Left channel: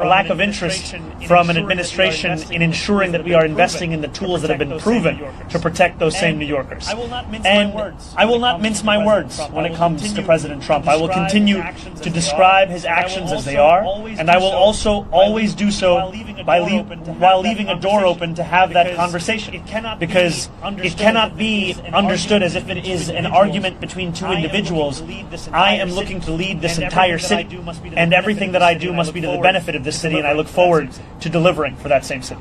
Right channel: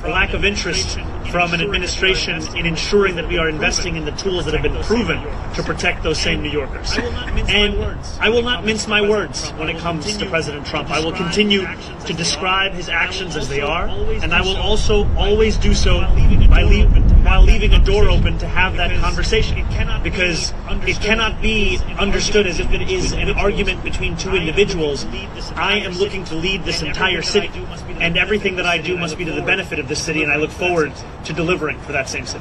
or lack of interest from an administration in ensuring that we are investing in the tools that have been proven to protect those same New Yorkers. And I will not mince my words when it comes to President Trump. I will continue to describe his actions as they are, and I will also always do so while leaving a door open to have that conversation, because it cannot be understood as if it is an argument between two individuals. I am looking to lead this entire city, and everything that I do must be to the benefit of this city, and I look forward to delivering for that same city.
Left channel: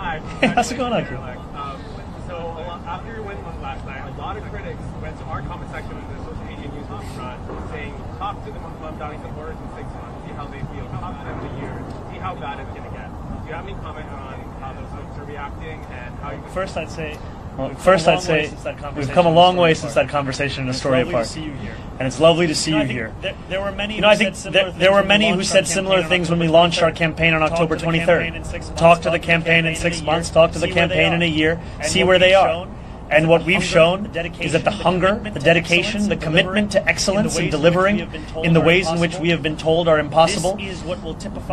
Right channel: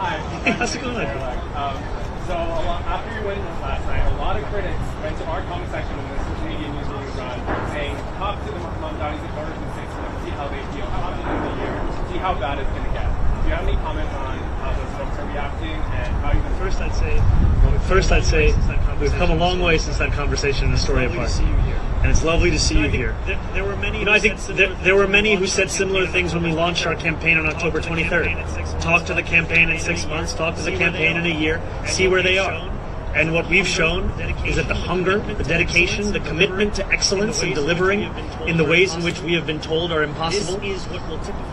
Hi. How's it going on? So after your wedding last night, a lot of critics went to our comment section in the social media news that you run, saying, talk to the Montagnes supporters in 6 months, see how they feel, talk to them in a year, see how bad it's going to get. Do you have any comment on how those folks are reacting and how you... First I'd say we've come a long way since that conversation in the Story Park. And it's lovely to see you here. There were many. I think there were many who said similar things when we launched our campaign on October 23rd. Talk to the campaign in 6 months. Talk to the campaign in a year. See where they are. And what we've shown is that the hunger, the dedication, the commitment to excellence in delivering in the ways in which we have been told are impossible.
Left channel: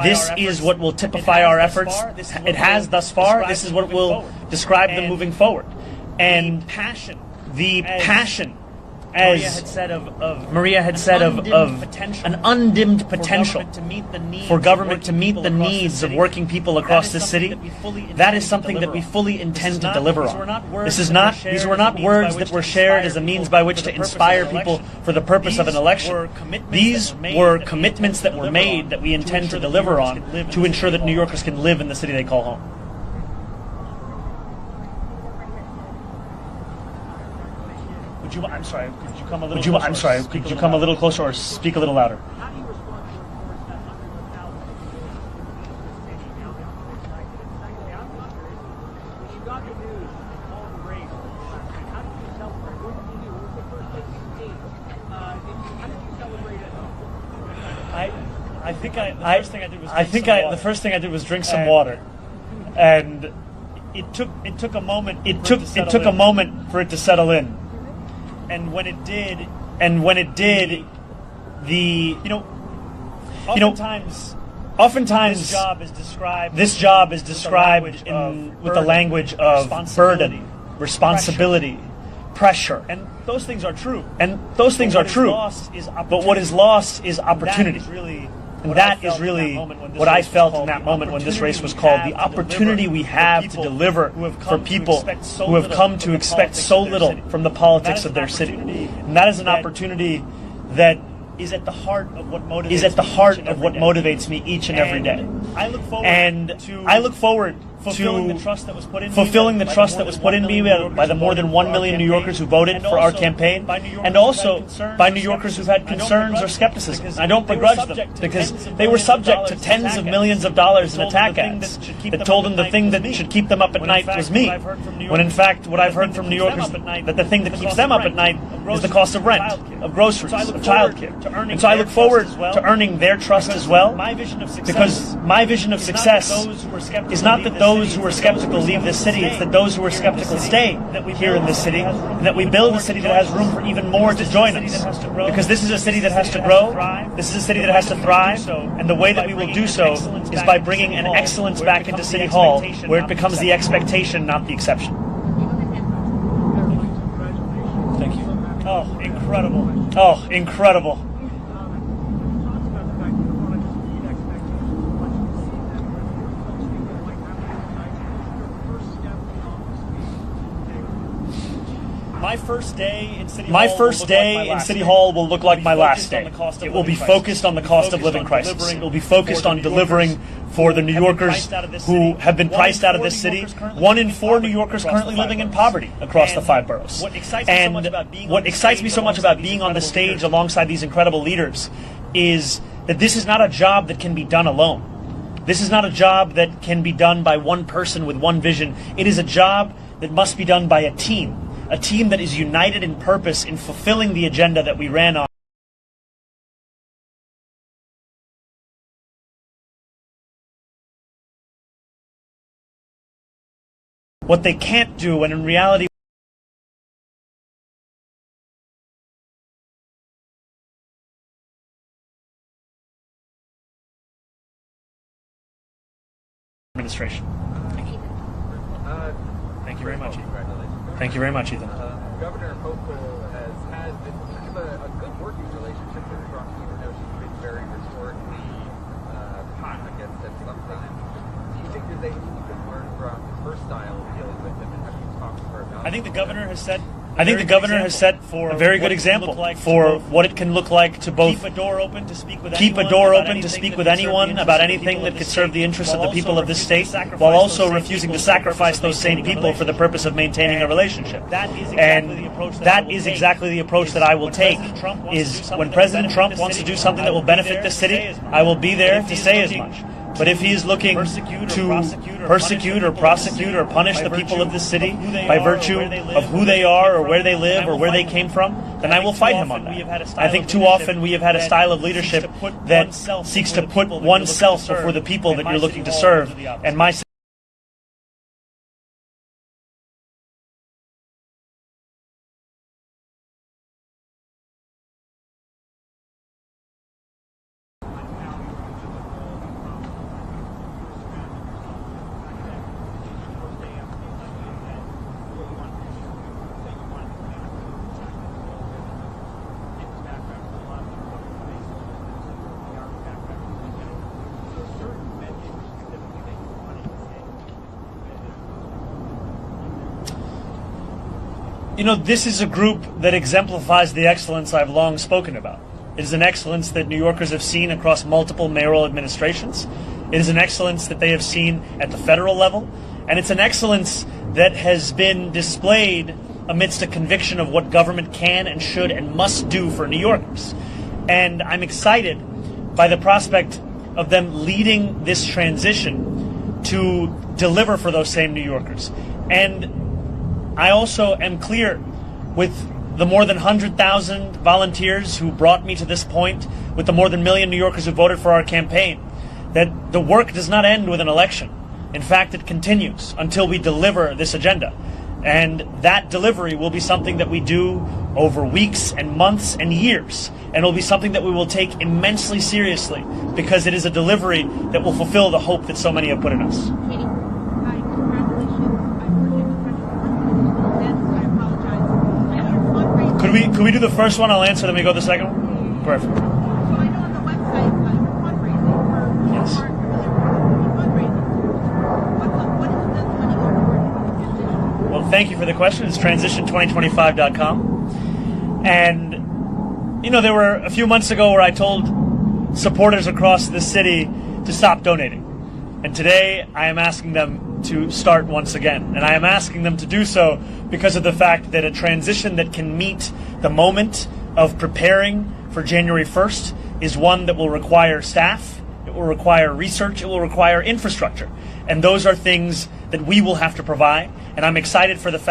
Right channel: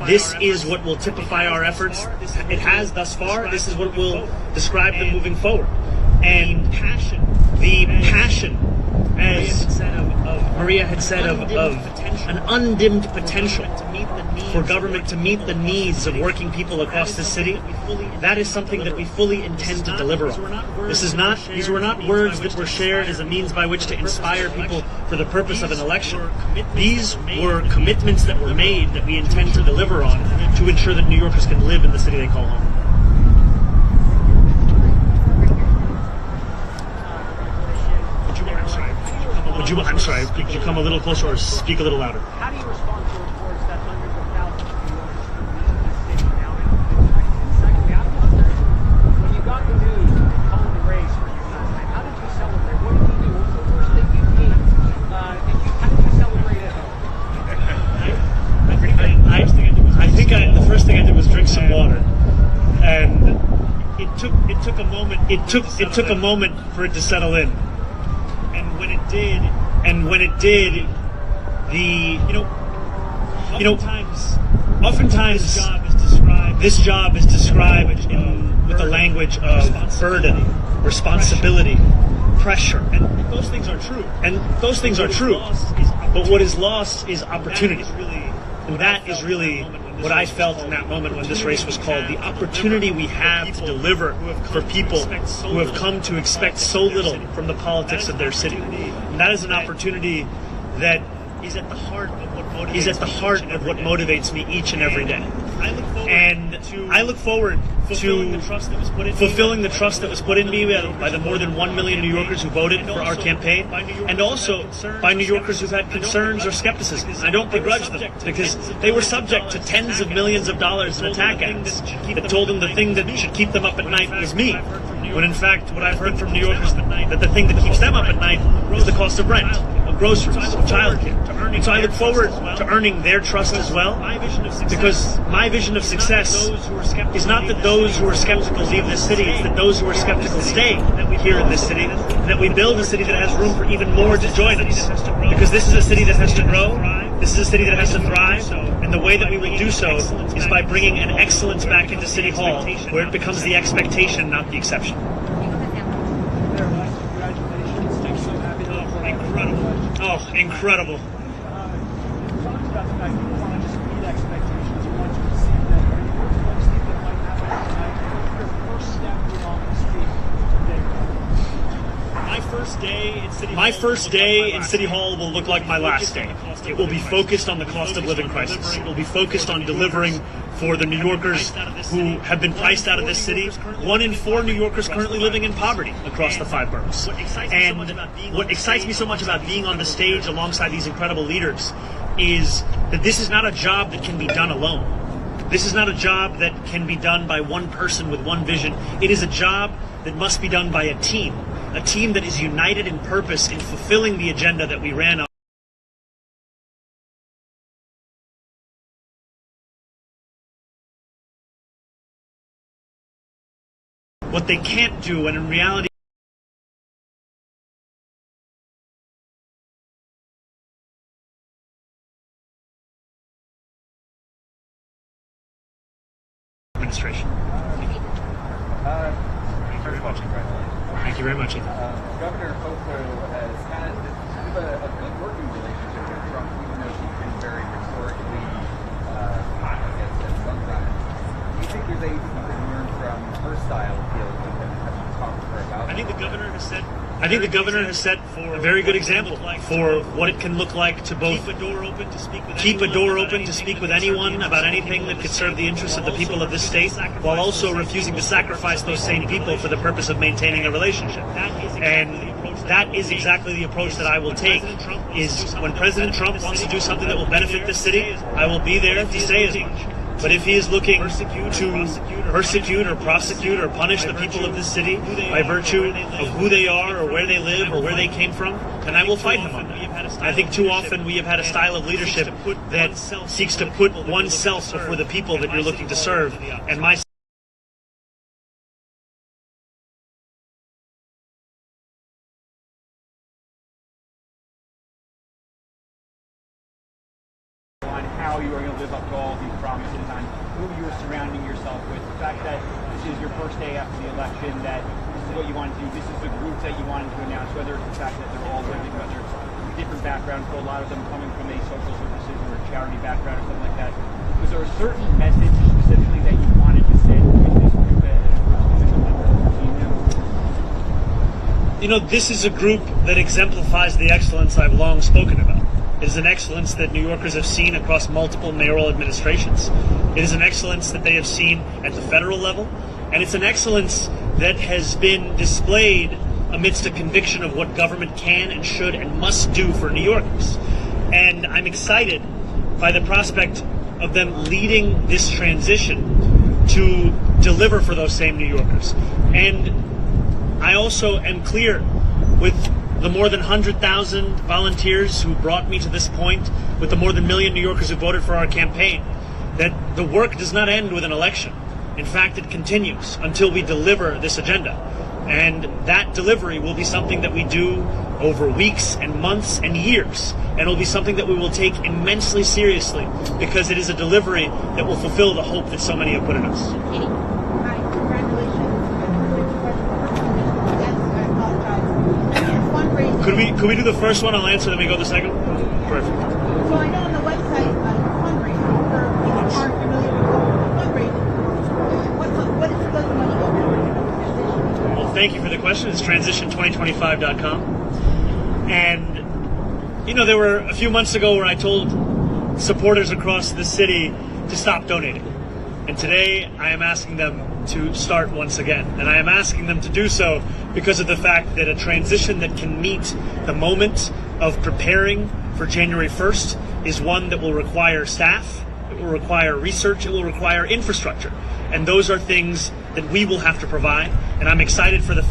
This is what will typify our efforts. It has thus far. This is what will describe them moving forward. And the passion, as Maria had said, of an undimmed potential for government to meet the needs of working people across this city, that is something that we fully intend to deliver on. These were not words that were shared as a means by which to inspire people for the purpose of an election. These were commitments that were made that we intend to deliver on to ensure that New Yorkers can live in the city they call home. I'm sorry, could you come a little closer or speak a little louder? How do you respond to reports that hundreds of thousands of New Yorkers are leaving the city now in COVID-19? And secondly, when you got the news and called the race for you last night, how did you celebrate? What did you do? What was the first thing you did? How did you celebrate at home? The first thing I did was drink some water, and it took a moment. It took a moment for it to settle in. And when it did, oftentimes this job is described with the language of burden, responsibility, pressure, and those things are true. But what is lost is opportunity, and that is really what I felt in that moment when this race was called. The opportunity we have to deliver for people who have come to expect so little from the politics of their city. And that is an opportunity that is at the heart of what motivates me each and every day. And I look forward to fulfilling the trust that was put in me by the more than 1 million New Yorkers who voted for our campaign, and also by New Yorkers who had concerns or skepticism. I don't begrudge them, because they were subject to tens of millions of dollars in attack ads that told them the thing that should keep them up at night was me. When in fact, what I've heard from New Yorkers, that the thing that keeps them up at night is the cost of rent, of groceries, of childcare. And so I look forward to earning their trust as well, because my vision of success is not that those who are skeptical leave this city, it's that those who are skeptical stay here in this city, and that we build a city that has room for even more to join us. Because this is a city that has to grow, this is a city that has to thrive, and the way that we will do so is by bringing an excellence back into City Hall, where it becomes the expectation, not the exception. Oh, incredible. Oh, incredible. My first day in City Hall will look like my last day. It will be focused on the cost of living crisis. It will be focused on delivering for the New Yorkers who have been priced out of this city. 1 in 4 New Yorkers currently living in poverty across the 5 boroughs. And what excites me so much about being on the stage alongside these incredible leaders is that this is not a job that can be done alone. This is not a job that can be done by one person with one vision. It is a job that must be done by a team that is united in purpose in fulfilling the agenda that we ran on. What they can't do, and in reality administration. Thank you very much. Thank you very much, Ethan. Governor Hochul has had a good working relationship with Trump, even though he's been very rhetorically hot at some times. Do you think there's anything you can learn from her style of dealing with him? Have you talked to her about it? I think the governor has set for a very good example for what it can look like to both keep a door open to speak with anyone about anything that could serve the interests of the people of this state, while also refusing to sacrifice those same people for the purpose of maintaining a relationship. And that is exactly the approach that I will take. Is when President Trump wants to do something that will benefit the city, I will be there to say as much. But if he is looking to persecute or prosecute or punish the people of this city by virtue of who they are or where they live or where they came from, then I will fight him on that. I think too often we have had a style of leadership that seeks to put oneself before the people that you're looking to serve. And my on how you are going to live up to all these promises, on who you are surrounding yourself with, the fact that this is your first day after the election, that this is what you want to do, this is the groups that you wanted to announce, whether it's the fact that they're all women, whether it's different backgrounds, but a lot of them coming from a social services or a charity background or something like that. Was there a certain message specifically that you wanted to send to this group at official level? Do you know? You know, this is a group that exemplifies the excellence I've long spoken about. It is an excellence that New Yorkers have seen across multiple mayoral administrations. It is an excellence that they have seen at the federal level, and it's an excellence that has been displayed amidst a conviction of what government can and should and must do for New Yorkers. And I'm excited by the prospect of them leading this transition to deliver for those same New Yorkers. And I also am clear with the more than 100,000 volunteers who brought me to this point, with the more than 1 million New Yorkers who voted for our campaign, that the work does not end with an election. In fact, it continues until we deliver this agenda. And that delivery will be something that we do over weeks and months and years. And it will be something that we will take immensely seriously, because it is a delivery that will fulfill the hope that so many have put in us. Hi, congratulations. I apologize. Could we do the first one? I'll answer, then we go to the second one? Perfect. So I know on the website you're fundraising for people who aren't familiar with fundraising. What does the money go towards? Well, thank you for the question. It's transition2025.com. And, you know, there were a few months ago where I told supporters across the city to stop donating. And today I am asking them to start once again. And I am asking them to do so because of the fact that a transition that can meet the moment of preparing for January 1st is one that will require staff, it will require research, it will require infrastructure. And those are things that we will have to provide. And I'm excited for the fact